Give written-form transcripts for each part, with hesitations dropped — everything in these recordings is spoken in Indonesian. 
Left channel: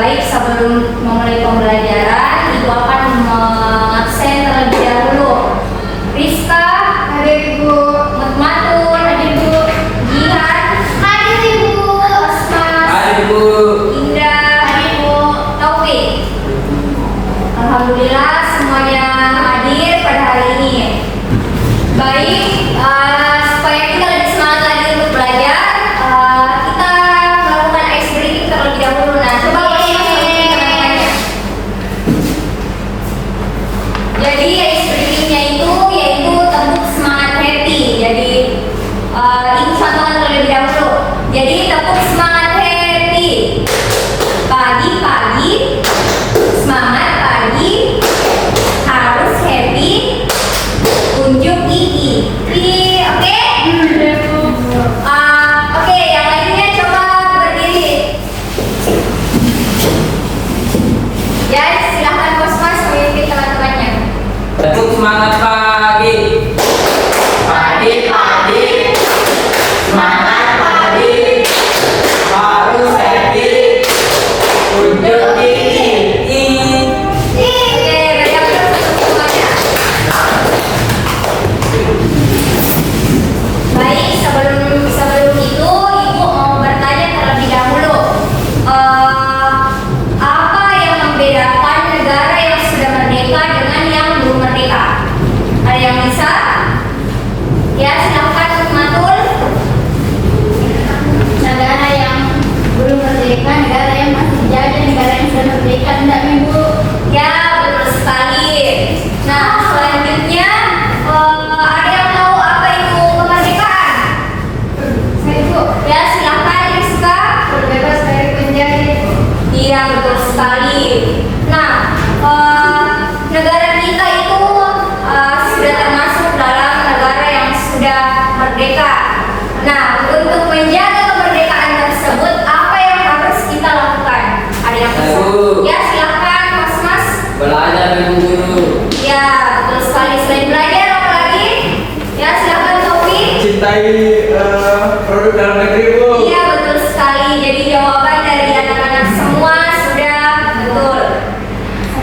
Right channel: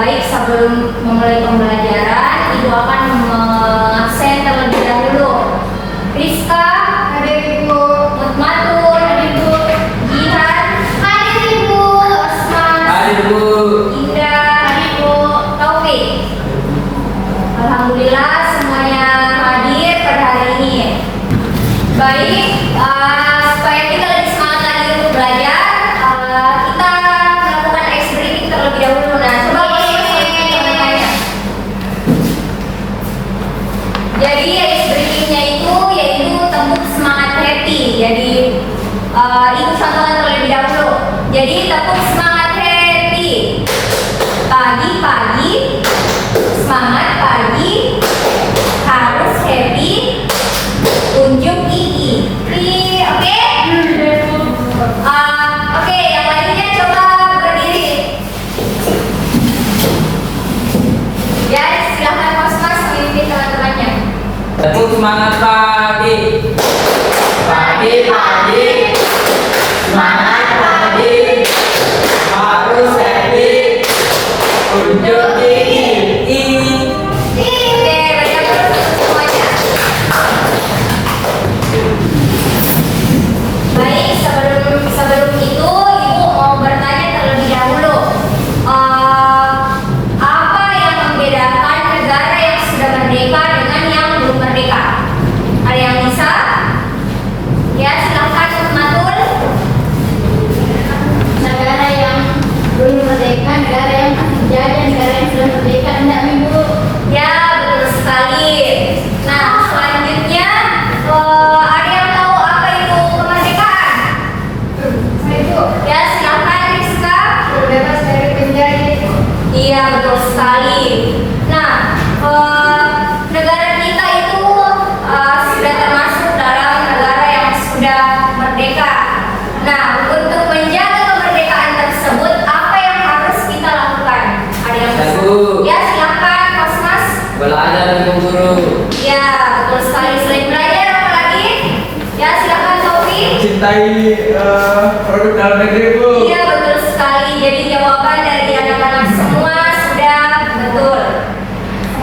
baik sebelum memulai pembelajaran, Ibu akan mengabsen terlebih dahulu. Rizka, hadir Ibu. Mutmatur, hadir Bu. Jihan, hadir Ibu. Asmas, Hadir Bu. Indra, hadir Bu. Taufik. Alhamdulillah semuanya hadir pada hari ini. Baik, supaya kita lebih semangat lagi untuk belajar, kita melakukan ice breaking terlebih dahulu. Nah, coba teman-temannya. Jadi ice breakingnya itu yaitu tepuk semangat happy. Jadi ini contohnya terlebih dahulu. Jadi tepuk semangat happy. Pagi-pagi semangat pagi harus happy. Unjuk gigi. Oke? Oke, yang lainnya coba berdiri. Ya, silahkan Mas memimpin teman-temannya. Tepuk semangat pagi. Pagi-pagi semangat pagi harus happy. Unjuk gigi. Oke, berikan semuanya. Baik, sebelum itu Ibu mau bertanya terlebih dahulu. Apa yang membedakan negara yang sudah merdeka dengan yang belum merdeka? Ada yang bisa? Ya, silakan Matul. Negara yang belum merdeka, negara yang masih dijajah, negara yang sudah merdeka, tidak Ibu. Ya, betul sekali. Nah, selanjutnya ada yang tahu apa itu kemerdekaan? Saya Ibu, Ya, silakan Rizka. bebas dari penjajah. Iya, betul sekali. Nah, negara kita itu sudah termasuk dalam negara yang sudah merdeka. Nah, untuk menjaga kemerdekaan tersebut, apa yang harus kita lakukan? Ada yang bisa? Bu. Ya, silakan Mas. Belajar Ibu Guru. Ya, betul sekali. Selain belajar, apa lagi? Ya, silakan Taufik. Cintai produk dalam negeri Bu. Iya, betul sekali. Jadi jawaban dari anak-anak semua sudah betul.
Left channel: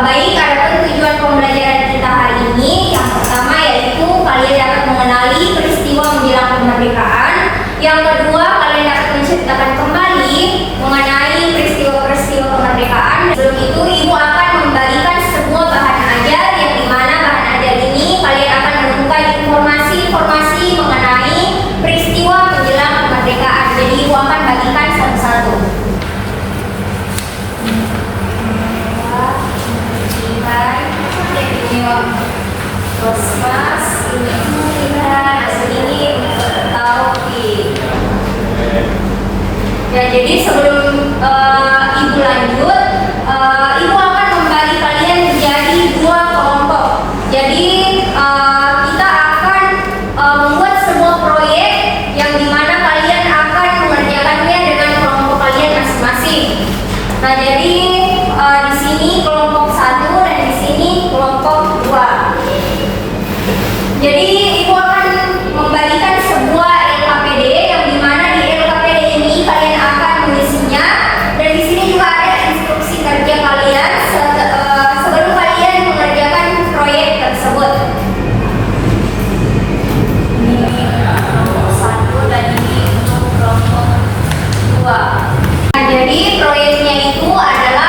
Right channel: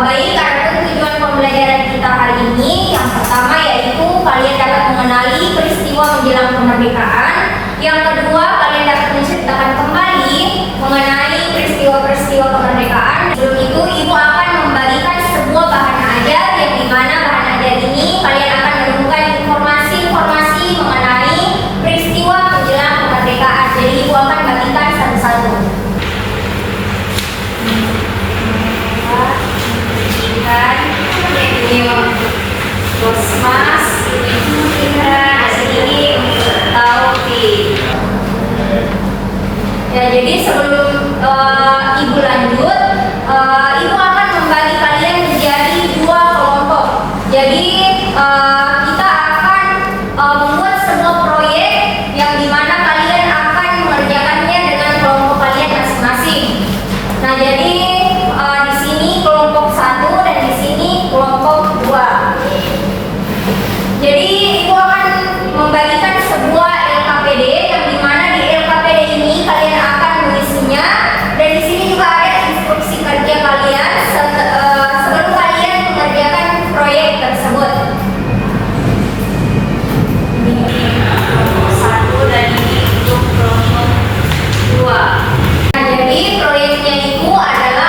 Baik, adapun tujuan pembelajaran kita hari ini yang pertama yaitu kalian dapat mengenali peristiwa menjelang kemerdekaan. Yang kedua, kalian dapat menceritakan kembali mengenai peristiwa-peristiwa kemerdekaan. Sebelum itu, Ibu akan membagikan sebuah bahan ajar yang dimana bahan ajar ini kalian akan menemukan informasi-informasi mengenai peristiwa menjelang kemerdekaan. Jadi Ibu akan bagikan satu-satu. Mas, ini Taufik. Ya, jadi sebelum Ibu lanjut, Ibu akan membagi kalian menjadi dua kelompok. Jadi kita akan membuat sebuah proyek yang dimana kalian akan mengerjakannya dengan kelompok kalian masing-masing. Nah, jadi di sini kelompok 1 dan di sini kelompok 2. Jadi Ibu akan membagikan sebuah LKPD yang dimana di LKPD ini kalian akan mengisinya, dan di sini juga ada instruksi kerja kalian sebelum kalian mengerjakan proyek tersebut. Ini kelompok 1 dan ini untuk kelompok 2. Nah, jadi proyeknya itu adalah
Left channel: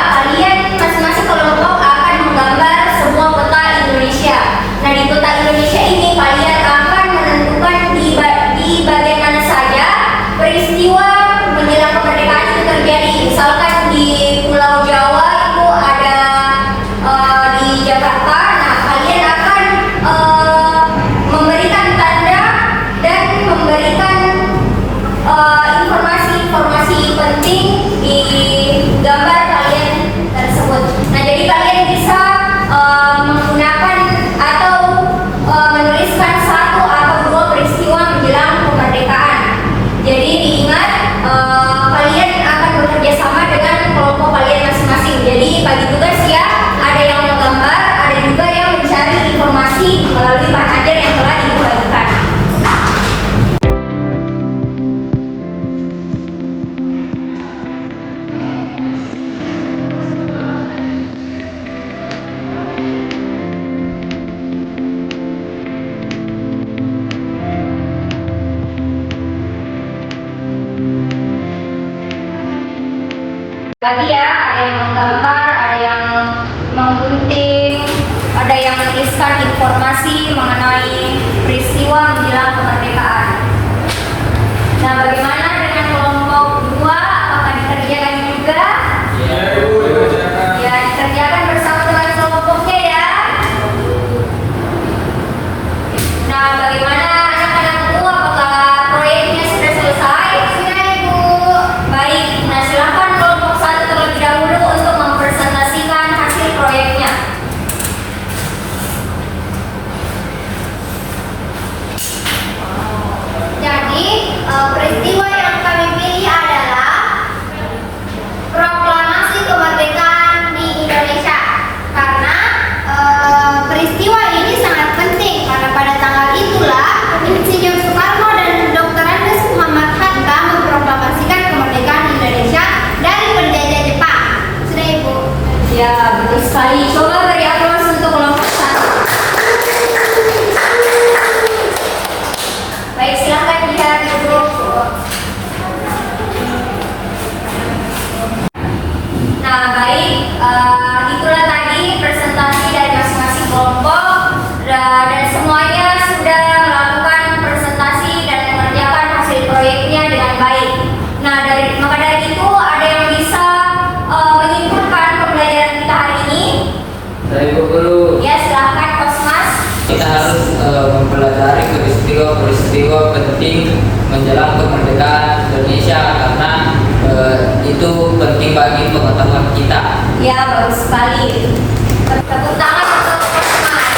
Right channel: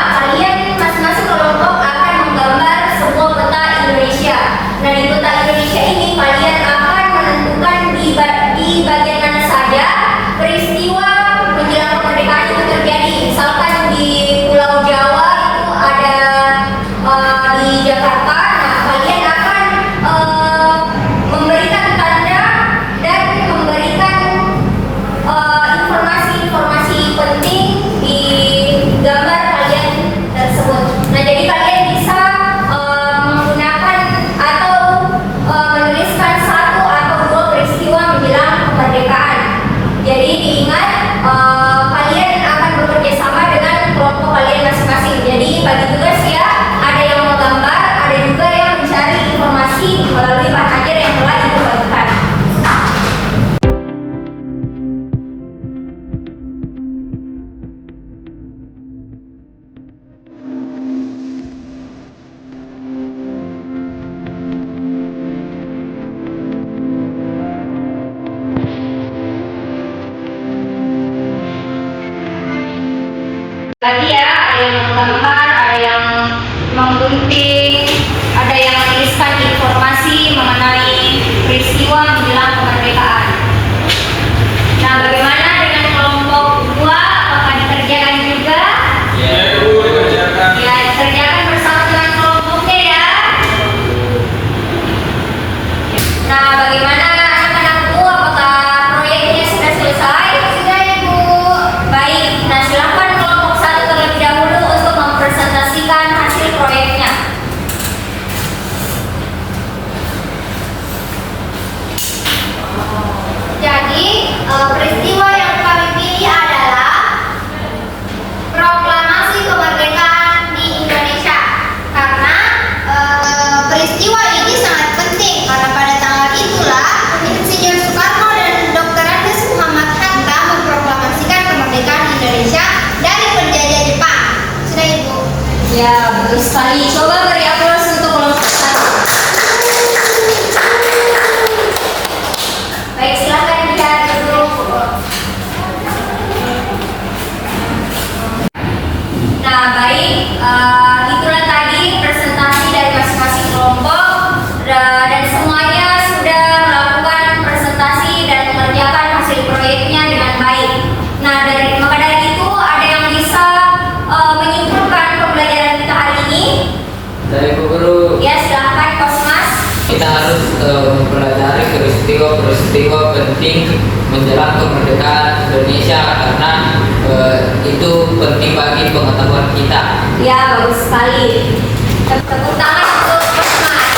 Tadi ya, ada yang menggambar, ada yang menggunting, ada yang menuliskan informasi mengenai peristiwa menjelang kemerdekaan. Nah, bagaimana dengan kelompok kedua? Apakah dikerjakan juga? Ya, Ibu, dikerjakan. Ya, dikerjakan bersama dengan kelompoknya ya. Nah, bagaimana anak-anakku? Apakah proyeknya sudah selesai? Sudah, Ibu. Baik, nah silakan kelompok satu terlebih dahulu untuk mempresentasikan hasil proyeknya. Jadi, peristiwa yang kami pilih adalah proklamasi kemerdekaan di Indonesia. Karena peristiwa ini sangat penting karena pada tanggal itulah Insinyur Soekarno dan Dr. Andes Muhammad Hatta memproklamasikan kemerdekaan Indonesia dari penjajah Jepang. Sudah, Ibu. Ya, betul sekali. Coba beri aplaus untuk kelompok satu. Baik, silakan lihat dulu. Nah, baik. Itulah tadi presentasi dari masing-masing kelompok dan semuanya sudah melakukan presentasi dan mengerjakan hasil proyeknya dengan baik. Nah, maka dari itu ada yang bisa menyimpulkan pembelajaran kita hari ini? Dari Bu Guru, Ya, silahkan Kosmas. kita harus mempelajari peristiwa penting menjelang kemerdekaan Indonesia karena itu penting bagi pengetahuan kita. Ya, bagus sekali. Tepuk tangan untuk Kosmas.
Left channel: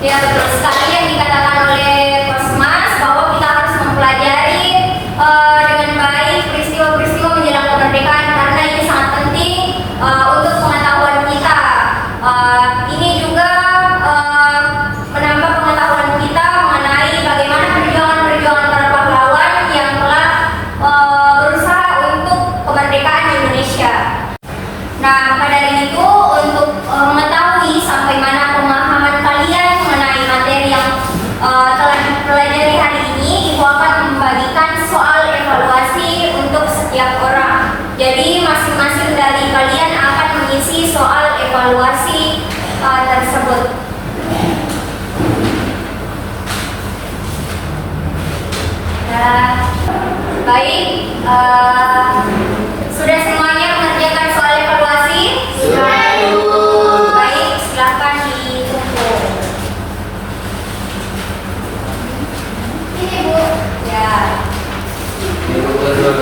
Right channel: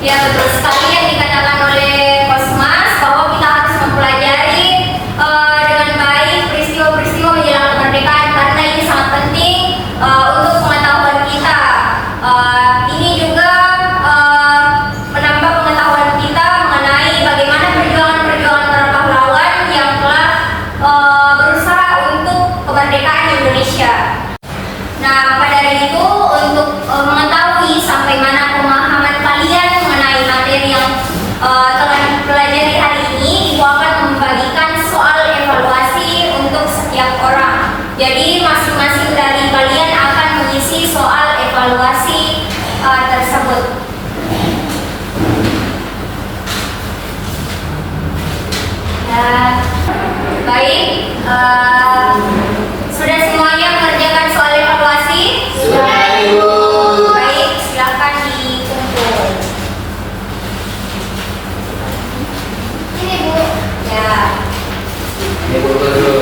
Ya, betul sekali yang dikatakan oleh Kosmas bahwa kita harus mempelajari dengan baik peristiwa-peristiwa menjelang kemerdekaan karena ini sangat penting untuk pengetahuan kita. Ini juga menambah pengetahuan kita mengenai bagaimana perjuangan-perjuangan para pahlawan yang telah berusaha untuk kemerdekaan Indonesia. Nah, maka dari itu untuk mengetahui sampai mana pemahaman kalian mengenai materi yang telah dipelajari hari ini, Ibu akan membagikan soal evaluasi untuk setiap orang. Jadi masing-masing dari kalian akan mengisi soal evaluasi tersebut. Ya, baik. Sudah semuanya mengerjakan soal evaluasi? Sudah, Ibu. Baik, silakan dikumpul. Ini Bu. Ya. Ini Bu Guru.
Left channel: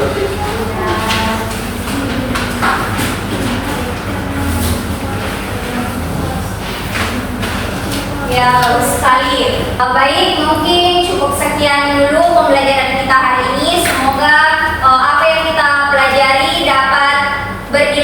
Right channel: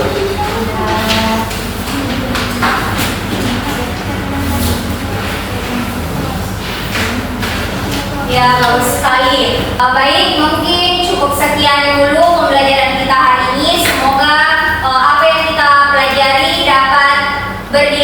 Ya, bagus sekali. Baik, mungkin cukup sekian dulu pembelajaran kita hari ini. Semoga apa yang kita pelajari dapat berdiri